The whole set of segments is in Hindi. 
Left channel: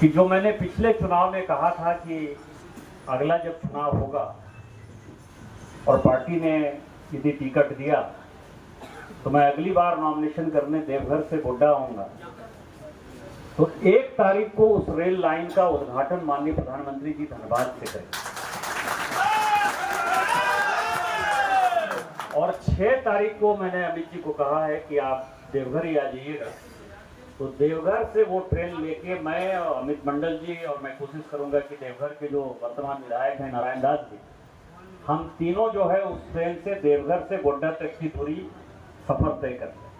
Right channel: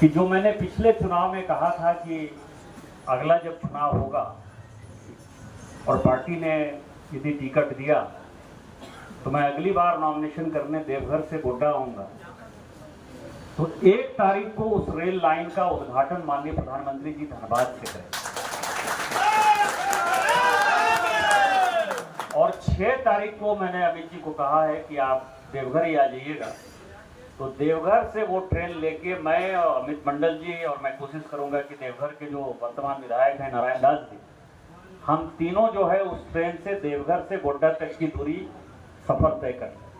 कि जो मैंने पिछले चुनाव में कहा था कि अगला जब चुनाव होगा और पार्टी ने यदि टिकट दिया तो मैं अगली बार नॉमिनेशन करने देवघर से गोड्डा आऊंगा, तो 1 तारीख को उस रेल लाइन का उद्घाटन माननीय प्रधानमंत्री जी धनबाद से करें और 6 तारीख को मैंने अमित जी को कहा है कि आप देवघर ही आ जाइएगा। तो देवघर से वो ट्रेन लेके मैं और अमित मंडल जी और मैं कोशिश करूंगा कि देवघर के जो वर्तमान विधायक हैं नारायण दास जी, हम तीनों जो है उस ट्रेन से देवघर से गोड्डा तक की दूरी सफर तय करते हैं।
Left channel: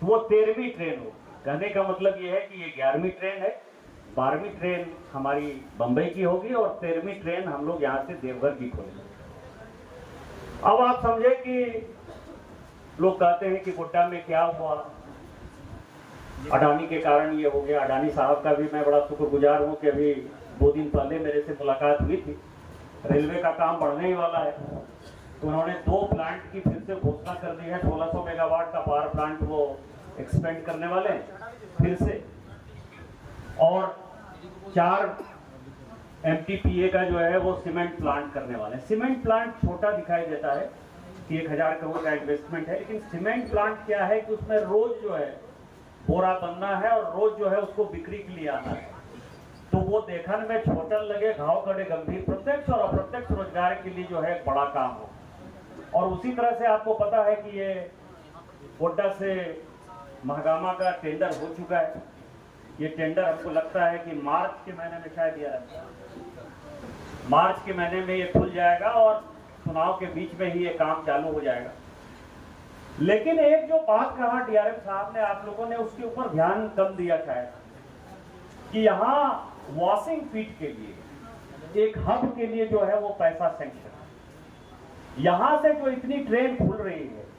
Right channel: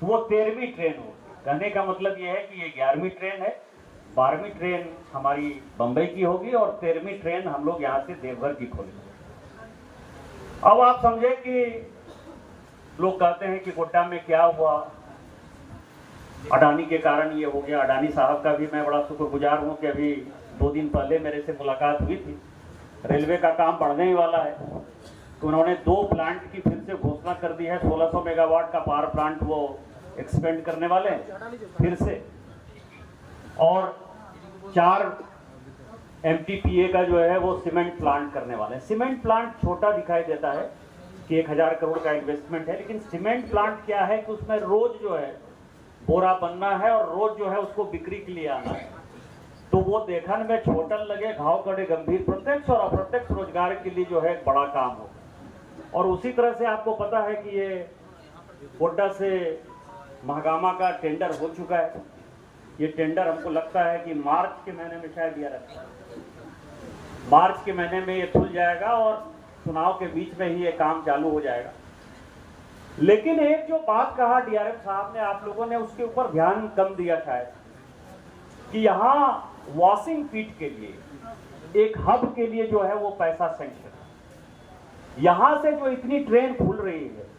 तो वो 13वीं ट्रेन हो, कहने का मतलब ये है कि ये 11वीं ट्रेन है, 12वीं ट्रेन हमारी बंबई की होगी और 13वीं ट्रेन हम लोग यहाँ से देवघर की खोलेंगे। अब आप समझे कि लोग कहते हैं कि गोड्डा में क्या हुआ, अडानी के कारण ये हो गया। अडानी साहब का भी मैं बड़ा शुक्रगुजार हूँ कि अभी 2 दिन पहले मेरे से मुलाकात हुई थी। रेलवे का काम बढ़ने ही वाला है, तो उन्होंने 2 प्लांट की फिर से घोषणा कर दी है। 1600 मेगावाट का पावर प्लांट वो एक्सपेंड करने वाले हैं फिर से, और 4 MTPA का जो है वो सीमेंट प्लांट करने वाले हैं। सीमेंट प्लांट छोटा दिखाई देता है कि 1000 करोड़ का इन्वेस्टमेंट है, लेकिन सीमेंट प्लांट क्या है कि उसमें रोज जो है बोरा बनना है और रोज जो है उसको बिक्री के लिए आना है। तो वो देखने में छोटा लगे, घाव कड़े गंभीर, प्रत्यक्ष और अप्रत्यक्ष रोजगार के लिए जो है एक बड़ा काम होगा। और उसी तरह से आपको पता है कि ये गोड्डा से महागामा का टेंडर हो चुका है। ये टेंडर हमको लगता है कि मार्च के महीने में शायद दिया रहता है, मार्च के महीने में ये खुल जाएगा और चुनाव के बीच में ही ये काम चालू हो जाएगा। लेकिन एक जो बात कहा DRM साहब ने, आप लोगों ने उसके ऊपर ध्यान कम दिया शायद, कि यहाँ वॉशिंग पीट के लिए एक हब के लिए जो है वो पैसा सैंक्शन है। यहाँ से जो इतनी ट्रेन खुल रही है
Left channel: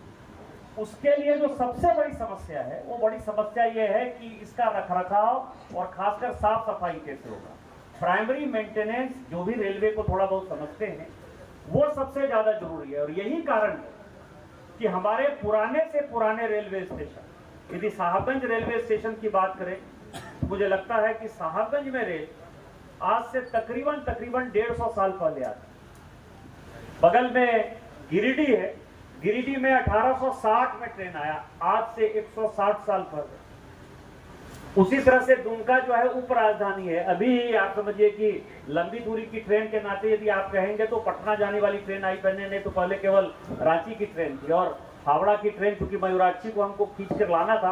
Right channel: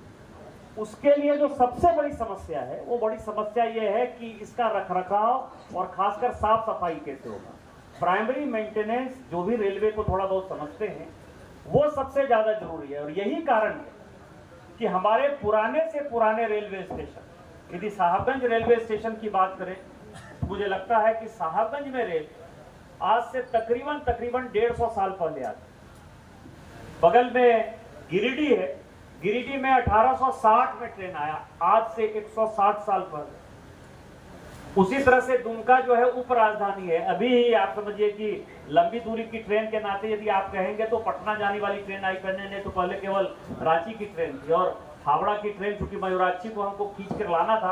उसके लिए जो सबसे बड़ी समस्या है, वो बड़ी समस्या ये है कि इसका रखरखाव और खासकर साफ सफाई कैसे होगा। प्राइमरी मेंटेनेंस जो भी रेलवे को थोड़ा बहुत समझते हैं वो सबसे ज्यादा जरूरी है। और यही कारण है कि हमारे पुराने से पुराने रेलवे स्टेशन, यदि साहबगंज रेलवे स्टेशन की बात करें तो मुझे लगता है कि साहबगंज में रेल आज से तकरीबन 150 साल पहले आती। बगल में गिरिडीह है, गिरिडीह में 1860 में ट्रेन आया, आज से 160 साल पहले। उसी तरह से दुमका जो है उप राजधानी है। अभी ही आप समझिए कि लंबी दूरी की ट्रेन के नाते यदि आप कहेंगे तो पटना जाने वाली ट्रेन आई पहले, नहीं तो पहले केवल रांची की ट्रेन थी। और हावड़ा की ट्रेन चूंकि मयूराक्षी को हमको खींच कर लाना था,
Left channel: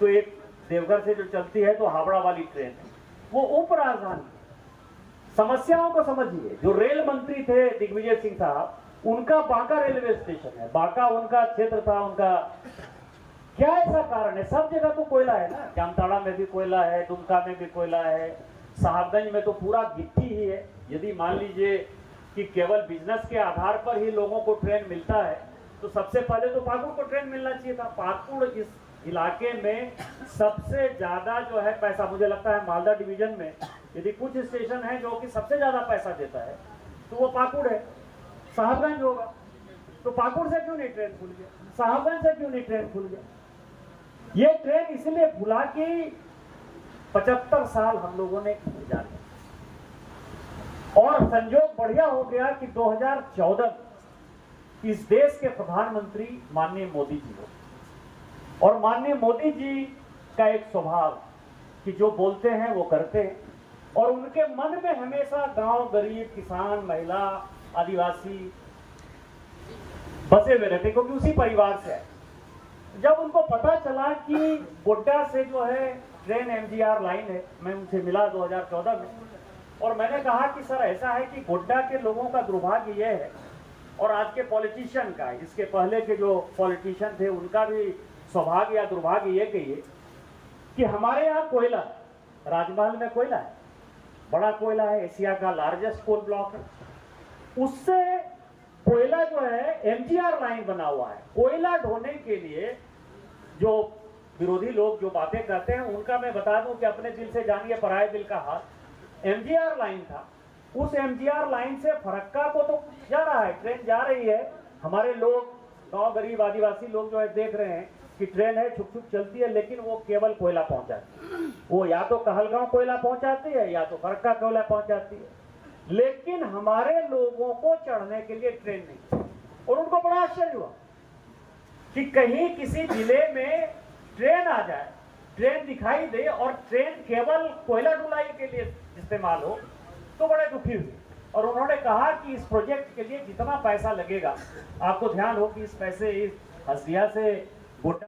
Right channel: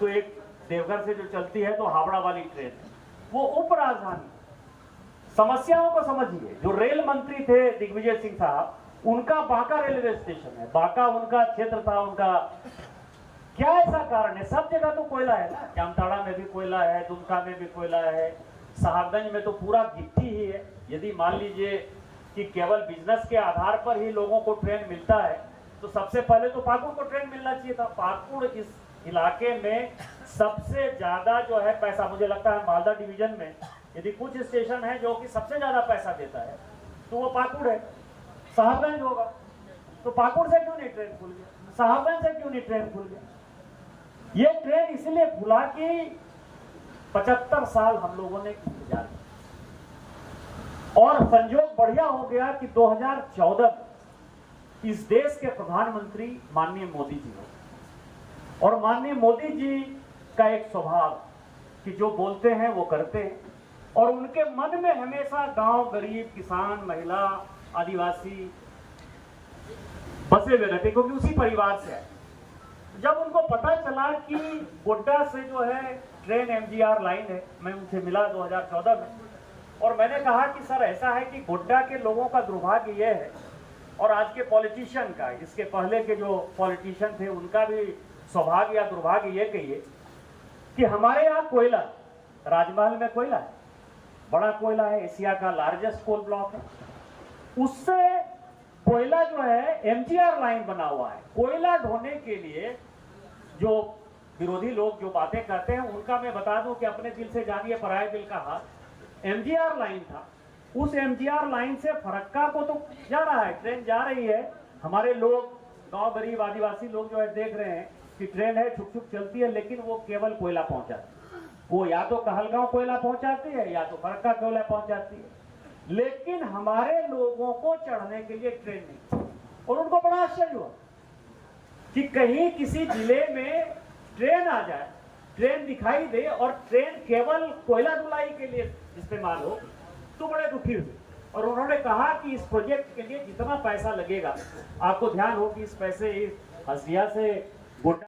तो एक देवघर से जो चलती है तो हावड़ा वाली ट्रेन है, वो उप राजधानी। समस्याओं को समझिए, जो रेल मंत्री थे दिग्विजय सिंह साहब, उनका बांका रेलवे स्टेशन है, बांका उनका क्षेत्र था। उनका क्या ऐसा कारण है? सब जगह तो कोयला है ना, जामताड़ा में भी कोयला है, दुमका में भी कोयला है, साहबगंज में तो पूरा गिट्टी ही है। यदि मान लीजिए कि केवल बिजनेस के आधार पर ही लोगों को ट्रेन मिलता है तो सबसे पहले तो पाकुड़ को ट्रेन मिलना चाहिए था। पाकुड़ इस इलाके में सबसे ज्यादा जो है पैसा, मुझे लगता है मालदा डिवीजन में यदि कुछ स्टेशन है जो कि सबसे ज्यादा पैसा देता है तो वो पाकुड़ है। साहबगंज होगा तो पाकुड़ से क्यों नहीं ट्रेन खुल गया, साहबगंज से क्यों नहीं ट्रेन खुल गया? ये ट्रेन इसलिए खुला कि 75 साल हम लोगों ने इंतजार किया और संयोग बढ़िया हो गया कि 2014 इस देश के प्रधानमंत्री माननीय मोदी जी हो। और माननीय मोदी जी का एक स्वभाव कि जो बोलते हैं वो करते हैं, और उनके मन में हमेशा गांव, गरीब, किसान, महिला, आदिवासी बसे हुए रहते, क्योंकि उसी परिवार से आए। जब उनको पता चला कि गोड्डा से जो है ट्रेन MGR लाइन है, मैं उनसे मिला 2014 में और मैंने कहा कि सर ऐसा है कि गोड्डा के लोगों का दुर्भाग्य यह है, और आज के पॉलिटिशियन का, इसके पहले के जो पॉलिटिशियन थे उनका भी सौभाग्य या दुर्भाग्य ये कहिए कि हमारे यहाँ कोयला, राजमहल में कोयला है, बड़ा कोयला है, एशिया का लार्जेस्ट कोल ब्लॉक है। उससे कोयला जो है MGR लाइन बना हुआ है। कोयला ढोने के लिए जो विरोधी लोग जो बातें करते हैं उनका मैं बता दूं कि अपने दिल से जानिए पराये दिल का हाल। MGR लाइन था, उस MGR लाइन से फरक्का को तो जा रहा है, ट्रेन जा रही है। हमारे लोग, गांव, गरीब, आदिवासी लोग जो है देख रहे हैं कि ट्रेन है, छुक छुक चलती है, लेकिन वो केवल कोयला पहुंचाती है। वो या तो कहलगांव कोयला पहुंचाती है या तो फरक्का कोयला पहुंचाती है, लेकिन हमारे लोगों को चढ़ने के लिए ट्रेन नहीं। और उनको बड़ा आश्चर्य हुआ कि कहीं किसी जिले में ट्रेन आ जाए, ट्रेन दिखाई दे और ट्रेन केवल कोयला ढुलाई के लिए इस्तेमाल हो, तो बड़े दुखी हुए। और उन्होंने कहा कि इस प्रोजेक्ट के लिए जितना पैसा लगेगा, आपको ध्यान हो कि इस पैसे इस हसिया से गोड्डा